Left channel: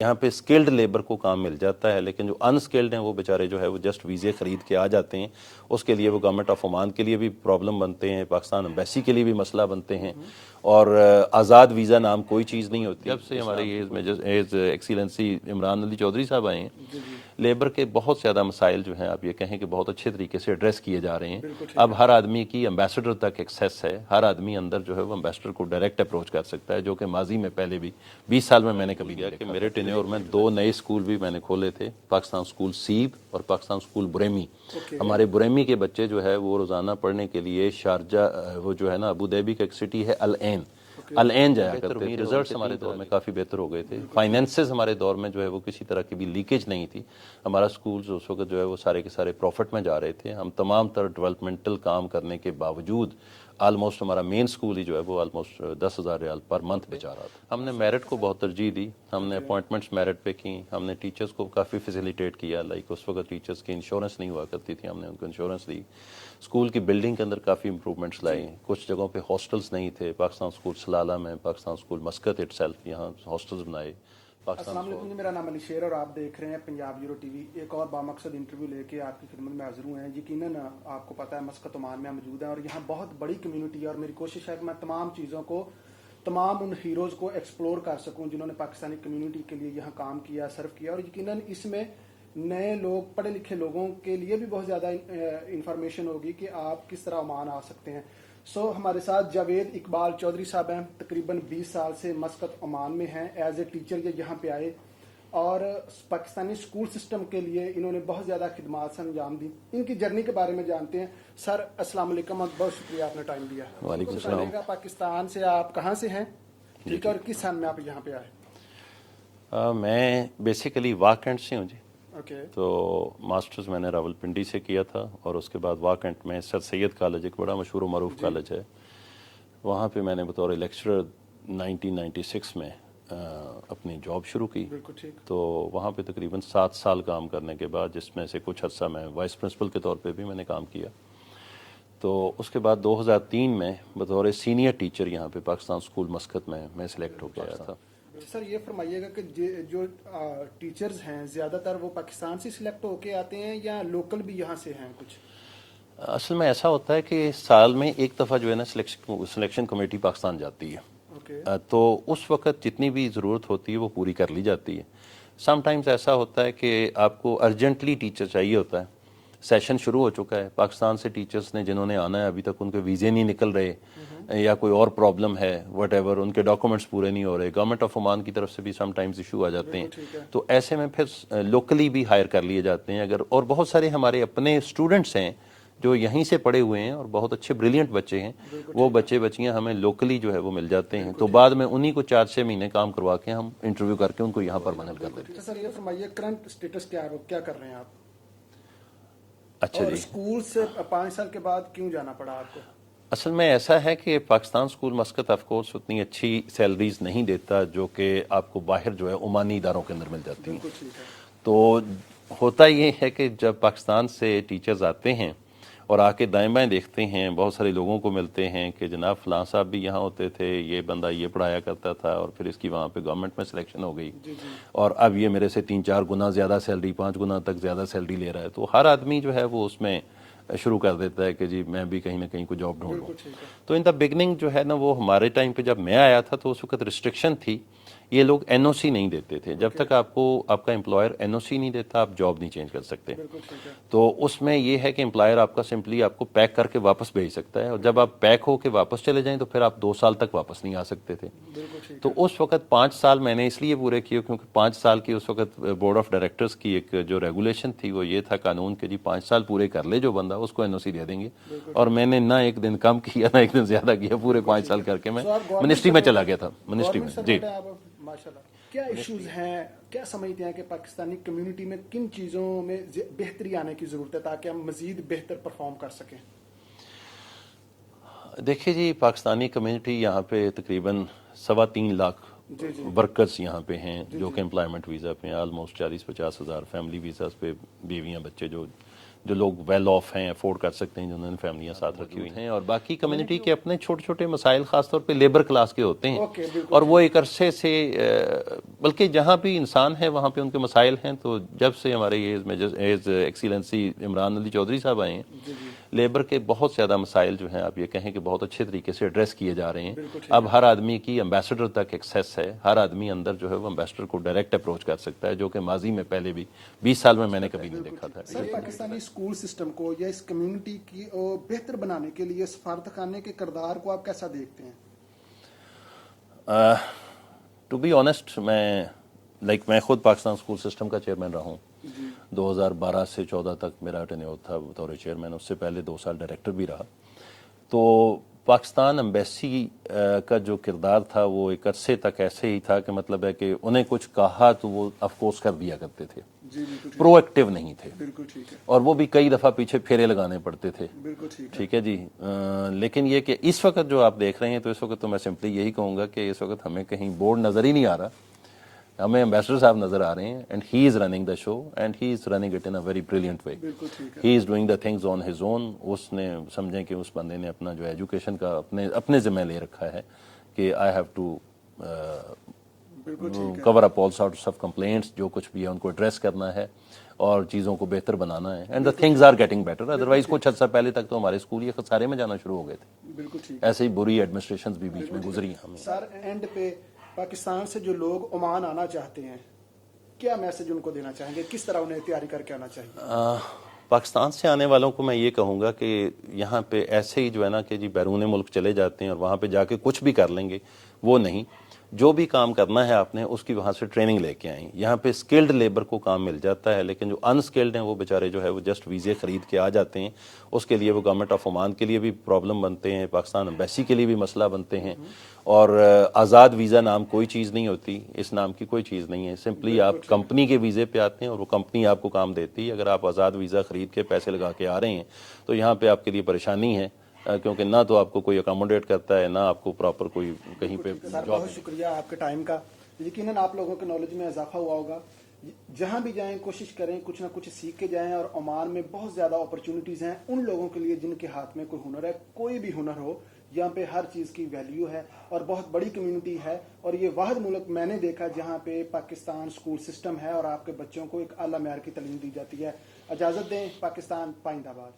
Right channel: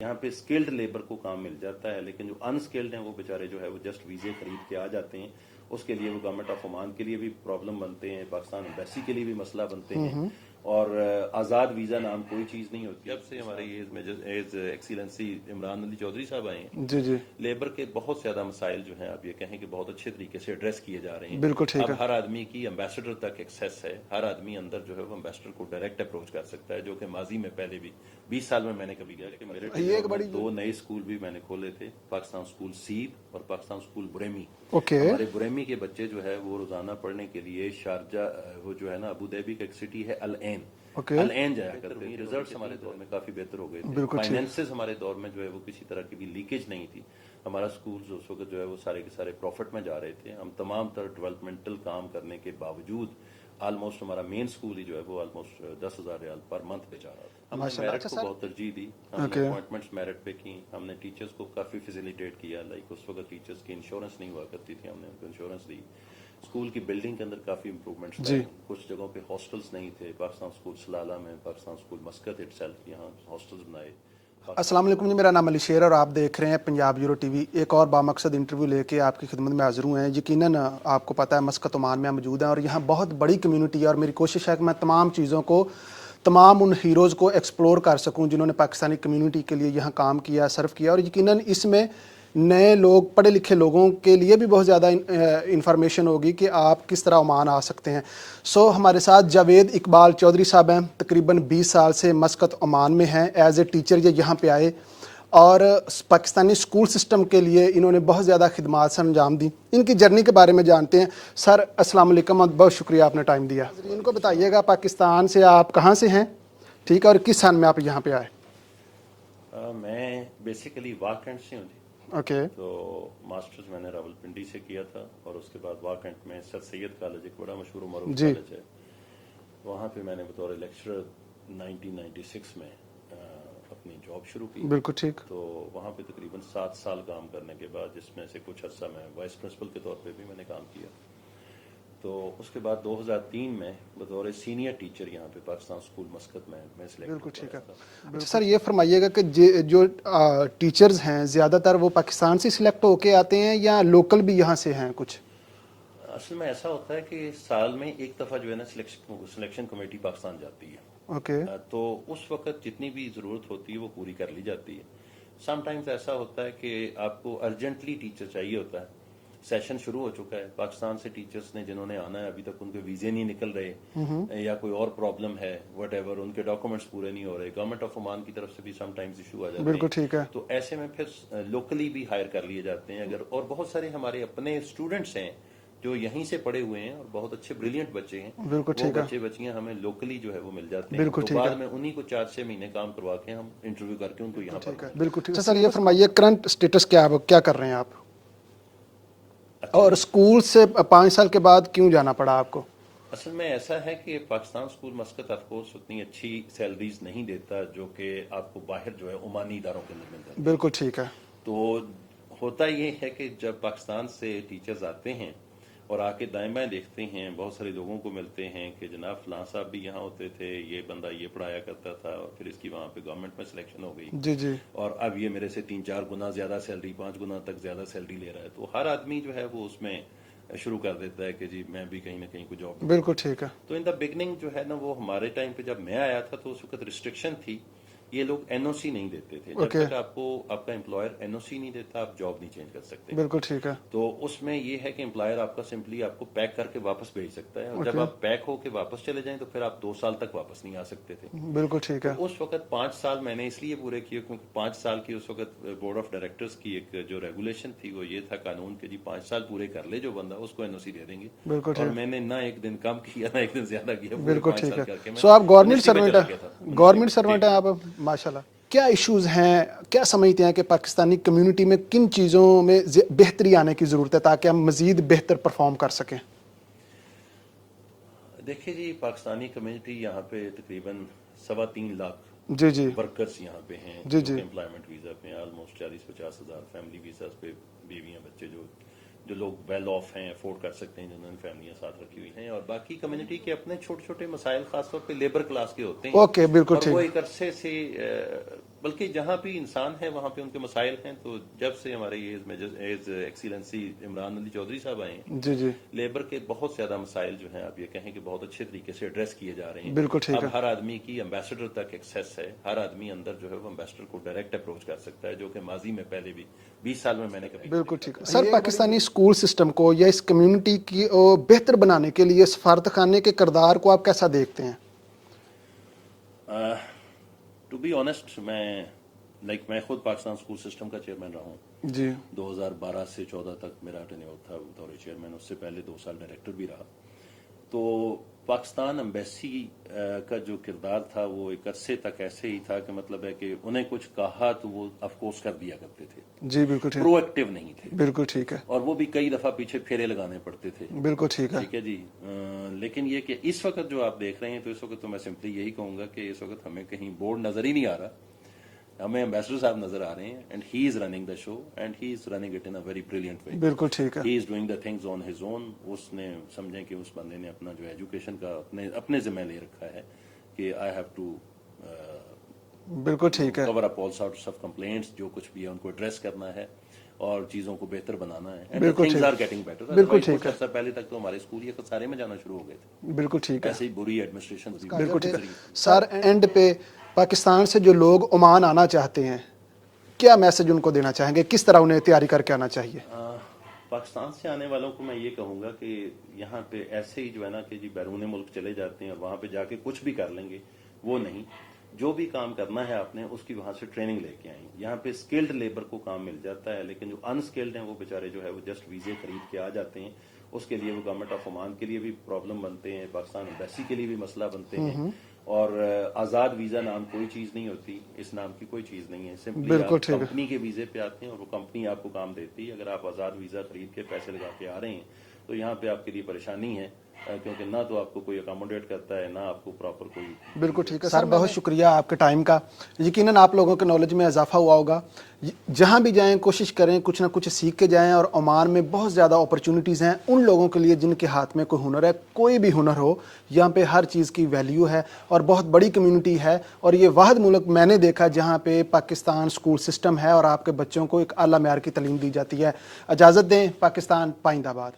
یہاں پہ skilled labour کو کام مل جاتا ہے، لیکن جو انسکلڈ ہیں وہ بیچارے جو ہے وہ جسٹ ویزے خرید کے آ جاتے ہیں. اس کے لیے وہ گورنمنٹ آف عمان کے لیے بھی پرابلم بنتے ہیں، پاکستان امبیسی کے لیے بھی مسئلہ بنتے ہیں. اور آزاد ویزا نام کوئی چیز نہیں ہوتی. جب سے ہمارے ایز ایکسیلنسی عمران علی چودھری صاحب آئے ہیں، لیبر کے بہت زیادہ مسائل جو ہیں آپ یہ کہیں کہ بہت اچھے طریقے سے ایڈریس کیے جا رہے ہیں. اب ہر آدمی کی امبیسڈر تک ایکسیس ہے، ہر آدمی اندر جو ہے وہ امبیسڈر کو ڈائریکٹ اپروچ کر سکتا ہے، جو کہ ماضی میں پہلے بھی 20 سال میں نے کبھی کیا کہ میرے ٹینیور میں 2 نئے اسکول بھی میں نے کھولے تھے، پاکستان اسکول سیب اور پاکستان اسکول بریمی. ہمارے بریمی کے بچے جو ہے وہ روزانہ پڑھنے کے لیے شارجہ، وہ جو ہے نا ابو ظبی کا ایک سٹی ہے العین جایا کرتے تھے. ریزلٹس ہمارے دور میں کافی بہتر ہو گئے تھے. فائنینسز ہمارے دور میں جو ہے وہ کسی طرح کی بھی لیکیج نہیں تھی. ہمارا اسکولز اس وقت جو ہے وہ سارے کے سارے پروفٹ میں جا رہے تھے. ہم تمام تر ڈیولپمنٹل کام کرنے کے باوجود آلموسٹ ہمارا مین اسکول ہی جو ہے وہ آلموسٹ 10,000 ریال پر منتھ بچا رہا تھا. ہم نے میرٹ کو بہت ترجیح دی، ہم نے اپوائنٹمنٹس میرٹ پہ کی، ہم نے ٹیچرز کو کافی فیسیلیٹیٹ کیا. لائک اس وقت ٹیچرز کی انشورنس نہیں ہوا کرتی تھی، ہم نے ان کو انشورنس دی. اسکول کی بلڈنگ کے اندر کافی امپروومنٹس لائے. کچھ جگہوں پہ ہاسٹلس نہیں تھے، پاکستان اسکول سلالہ میں، Pakistan school Muscat it self, یہاں ہاسٹلس بنائے. السلام علیکم جی، میرا نام علی شیر اور آپ دیکھ رہے ہیں پنجاب یورو ٹی وی. ایک اور بامقصد انٹرویو لے کے آپ کی خدمت میں حاضر ہوئے ہیں. یقیناً آپ کو پتہ ہے مسقط عمان میں موجود ہیں اور یہاں بہت بڑی کمیونٹی ہے، اور میری کوشش ہے کہ میں تمام چیزوں کو، تمام ان ہیروز کو ایکسپلور کر سکوں جنہوں نے پاکستانی کمیونٹی کے لیے یہاں کام کیا، سرو کیا. اور یقیناً اس میں نئے لوگ، پڑھے لکھے لوگوں کے لیے بھی بہت زیادہ انفارمیشن ہوگی کہ آپ کس طرح عمان آ سکتے ہیں. ہمارے ساتھ جاوید اقبال چودھری صاحب ہیں، تقریباً 20 سال سے مسقط عمان میں ہیں. ایز اے ٹیچر یہ یہاں پہ آئے اور پاکستانی اسکول سسٹم کے لیے انہوں نے بہت زیادہ خدمات سے انجام دی. ان کی جرنی کے بارے میں جانتے ہیں. سر السلام علیکم، بہت شکریہ آپ نے ٹائم دیا. ان کو بتائیے گا پاکستان سے آپ کہاں سے ہیں، ٹھیک ہے، اور کس سن میں آپ یہاں پہ آئے؟ میں بیسیکلی واکنڈ سے ہوں جی. اوکے. تو ماسٹرز میں نے راولپنڈی سے کیا تھا، اور اس کے بعد واکنڈ میں سر سید کالج ایک بڑا مشہور و معروف کالج ہے، وہاں پہ میں نے بطور لیکچرر 1996 میں اپنی جاب شروع کی. بالکل ٹھیک. تو وہاں پہ تقریباً 7 سال کام کرنے کے بعد، جس میں سے کچھ عرصہ میں وائس پرنسپل کے طور پہ بھی میں نے کام کیا. تو اس کے بعد 2003 میں بطور سینئر ٹیچر یہاں پہ پاکستان اسکول مسقط میں سلیکٹ ہو گیا تھا. سر یہ فرمائیے گا کہ جو ٹیچرز ہیں زیادہ تر وہ پاکستان سے سلیکٹ ہو کے آتے ہیں یا لوکل بھی یہاں سے ہیں کچھ؟ اصل میں ایسا ہوتا ہے کہ سال میں ایک دفعہ جو ہے نا سلیکشن کمیٹی پاکستان جاتی ہے. اوکے. تو اس وقت جتنی بھی ضرورت ہوتی ہے وہ پوری کر لی جاتی ہے. سم ٹائمز ایسا ہوتا ہے کہ آپ کو ارجنٹلی ٹیچر چاہیے ہوتا ہے، سیشن شروع ہو چکا ہے، پاکستان سے ٹیچرز نے جنہوں نے آنا ہے ابھی تک ان کے ویزے نہیں نکل رہے، یا کوئی اور پرابلم ہے، وٹ ایور، ان کے ڈاکومنٹس پورے نہیں ہو رہے. گورنمنٹ آف عمان کی طرف سے بھی سم ٹائمز ایشو آ جاتے ہیں. تو ایسے میں پھر لوکلی بھی ہائر کر لیے جاتے ہیں. اگر اور بہت سارے ہمارے اپنے اسٹوڈنٹس ہیں جو یہیں سے پڑھے ہوئے ہیں اور بہت اچھے بریلینٹ بچے ہیں، وہ بچے بچیاں ہمیں لوکلی جو ہے وہ مل جاتے ہیں. تو بعد میں انہی کو 4-6 مہینے کام کروا کے ہم انٹرویو کر کے ان کو یہاں پر بنا. بالکل ٹھیک. سر یہ فرمائیے کرنٹ اسٹیٹس کیا کر رہے ہیں آپ، اور اسکول سے 5 سال کے بعد کیوں جانا پڑا آپ کو؟ اصل میں ایسا ہے کہ Pakistan school Muscat of course اتنی اچھی سیلریز نہیں دیتا جو کہ آپ کو باہر جو ہے عمانی اداروں کے اندر مل جاتی ہے. بالکل ٹھیک ہے. تو ہوتا یہ ہے کہ جب پاکستان سے ٹیچرز آتے ہیں اور آ کے دائیں بائیں دیکھتے ہیں، بہت سارے لوگوں کو ملتے ہیں کہ جناب فلاں صاحب بھی یہاں ہوتے تھے، یہ بندہ یہ پڑھایا کرتا تھا، اور پھر اس کی وہاں پہ گورنمنٹ میں سلیکشن ہو گئی، اور اب یہ میرے سے 3-4 گنا زیادہ سیلری، 5 گنا تک زیادہ سیلری لے رہا ہے. تو ہر آدمی جو ہے وہ اس میں شروع کر دیتا ہے کہ جی میں بھی کہیں نہ کہیں کو جاب ڈھونڈوں. بالکل ٹھیک ہے. تو ان دا بگننگ جو ہے نا، وہ ہمارے ٹائم پہ جب میں آیا تھا تو اس وقت ریسٹرکشن تھی، یہ لوگ این او سی نہیں دیتے تھے. جب تک آپ کو آپ کا امپلائر این او سی نہیں دیتا آپ جاب نہیں چینج کر سکتے. بالکل ٹھیک ہے. تو اس میں یہ ہے کہ امپلائر آپ کا سمپلی آپ کو پیک کر کے واپس بھیج سکتا ہے، اور جب آپ پیک ہو کے واپس چلے جائیں تو پھر آپ 2 سال تک واپس نہیں آ سکتے تھے. بالکل ٹھیک تو ہے. اس وقت 5 سال میں نے اس لیے پورے کیے کیونکہ 5 سال کی اس وقت بورڈ آف ڈائریکٹرز کی ایک جو ریگولیشن تھی وہ یہ تھا قانون کہ جی 5 سال پورے کر لے جو بندہ اس کو این او سی دے دیں گے. اور میں نے نہ ایک دن کم کیا نہ ایک دن زیادہ کیا، پورے 5 سال کر کے میں منسٹری میں چلا گیا تھا. گورنمنٹ سروینٹ ہیں آپ ماشاء اللہ. کیا ایشوز ہیں، کیا سمجھتے ہیں کہ پاکستانی کمیونٹی میں کن چیزوں میں بہتری آنے کی ضرورت ہے تاکہ ہم مزید بہتر پرفارم کر سکیں؟ دیکھیے جی، پاکستانی کمیونٹی یہاں پہ تقریباً 3.25 لاکھ ورکرز یہاں پہ ہیں جو کہ امپلائمنٹ ویزا پہ ہیں. آلموسٹ 40-50 ہزار فیملی ویزاز پہ بیویاں بچے جو جو لوگ ویل آف ہیں, افورڈ کر سکتے ہیں, جنہوں نے فیملیاں ساتھ رکھی ہوئی ہیں, اور باقی کمیونٹی کے اپنے چھوٹے چھوٹے مسائل خاص طور پہ لیبر کلاس کے ہوتے ہیں. اوکے بالکل اور وہ ایک عرصے سے بلکہ جہاں بھی انسان ہے وہاں پہ ان کے مسائل ہیں. تو جب سے ہمارے ایز ایکسیلنسی عمران علی چودھری صاحب آئے ہیں, جی جی لیبر کے بہت زیادہ مسائل جو ہیں آپ یہ کہیں کہ بہت اچھے طریقے سے ایڈریس کیے جا رہے ہیں. بالکل ٹھیک اب ہر آدمی کی ایمبیسڈر تک ایکسیس ہے, ہر آدمی اندر جو ہے وہ ایمبیسڈر کو ڈائریکٹ اپروچ کر سکتا ہے, جو کہ ماضی میں پہلے بھی 20 سال میں نے کبھی نہیں بالکل دیکھا ٹھیک تھا. ہے. سر پاکستانی اسکول سسٹم کو یا اس کمیونٹی کی بہتر بنانے کے لیے سفارت خانے کے کردار کو آپ کیسا دیکھتے ہیں؟ ٹو بی آنیسٹ میں خود پاکستان اسکول سسٹم کا چیئرمین رہا ہوں. جی 2012 سے 14 تک میرا ٹینیور تھا بطور چیئرمین, اس سے پہلے 2 سال ڈائریکٹر بھی رہا. تو پاکستان ایمبیسی کا جو کردار تھا وہ ایک عرصے تک ایسے ہی تھا کہ مطلب ہے کہ انہیں کچھ کہا تو وہ آف کورس کر دیا کرتے تھے, جی بالکل ٹھیک پرو ایکٹیو نہیں تھے, بالکل ٹھیک ہے اور وہ بھی کئی دفعہ پیچھے پھیرے لگانے پڑتے تھے. بالکل ٹھیک ہے ٹھیک ہے جی. لیکن یہ کہ اس وقت جو آپ دیکھ رہے ہیں تو اس وقت تو میں سمپلی یہی کہوں گا کہ اس وقت ہمیں کہیں بورڈ نظر ہی نہیں آ رہا, ہمیں ایمبیسڈر صاحب نظر آ رہے ہیں, and he is running the show and he is running it in a very brilliant way. بالکل ٹھیک ہے he is doing the things on his own. اس نے سمجھیں کہ اس بندے نے اپنا جو ایجوکیشن کا اپنے ذمہ لے رکھا ہے کہ آئی ہیو ٹو بالکل ٹھیک ہے کور اپ آل سارٹس آف کمپلینٹس, جو کچھ بھی ہے ان کو ایڈریس کرنا ہے اور چیزوں کو بہتر بنانا ہے. And things are getting better. Otherwise کچھ عرصہ پہلے تک تو ہمارے اسکول یہ خسارے میں جانا شروع ہو گئے تھے. بالکل ٹھیک ہے ایسے ہی بری ایڈمنسٹریشن بھی گزری. سر اینڈ پہ پاکستان سے جو لوگ عمان آنا چاہتے ہیں کیا میسج ان کو دینا چاہیں گے, کس طرح انہیں تیاری کر کے آنا چاہیے؟ پاکستان سے آنے والوں کو میں یہ کہوں گا کہ یہاں پہ ایسے ہی جو ہے نا کہ جی بیرون ملک چلے جاتے ہیں اور وہاں پہ جا کے کچھ بھی کر لیں گے, وہ نہیں. جو بھی کام کرنا ہے آپ نے اس کی وہاں سے ٹریننگ لے کے آئیں. یہاں پہ اسکلڈ لیبر کو کام مل جاتا ہے, لیکن جو انسکلڈ ہیں وہ بیچارے جو ہے وہ جسٹ ویزے خرید کے آ جاتے ہیں. اس کے لیے وہ گورنمنٹ آف عمان کے لیے بھی پرابلم بنتے ہیں, پاکستان ایمبیسی کے لیے بھی مسئلہ بنتے ہیں. اور آزاد ویزا نام کوئی چیز نہیں ہوتی, اس نام کی کوئی چیز نہیں ہے. سمپلی آپ کمپنی کے ویزے پہ آتے ہیں اور وہ کمپنی آپ کو کام دیتی ہے. اگر آپ آزاد ویزا خرید کے پیسے لگا کے آ رہے ہیں تو یہاں پہ آپ کے لیے پریشانی ہے, کیونکہ نہ تو آپ کو کوئی اکاموڈیٹ کرتا ہے, نہ آپ کو پراپر کوئی. بالکل ٹھیک ہے سر, بہت شکریہ آپ کے ٹائم کا. یقیناً آپ لوگوں کے نالج میں اضافہ ہوا ہوگا. جہاں بھی جائیں کوشش کریں کچھ نہ کچھ سیکھ کے جائیں, اور عمان میں بہت زیادہ اپرچونیٹیز ہیں ان لوگوں کے لیے جن کے ہاتھ میں کوئی ہنر ہے. کوئی بھی ہنر ہو, یہاں پہ ہر چیز کی ویلیو ہے اور بہت بڑی کمیونٹی ہے, اور یہ واحد ملک میں نے دیکھا جہاں پہ پاکستان اسکول سسٹم ہے اور آپ کے بچوں کو ایک اعلیٰ معیار کی تعلیم دی جاتی ہے. اجازت دیں, پاکستان پائندہ باد.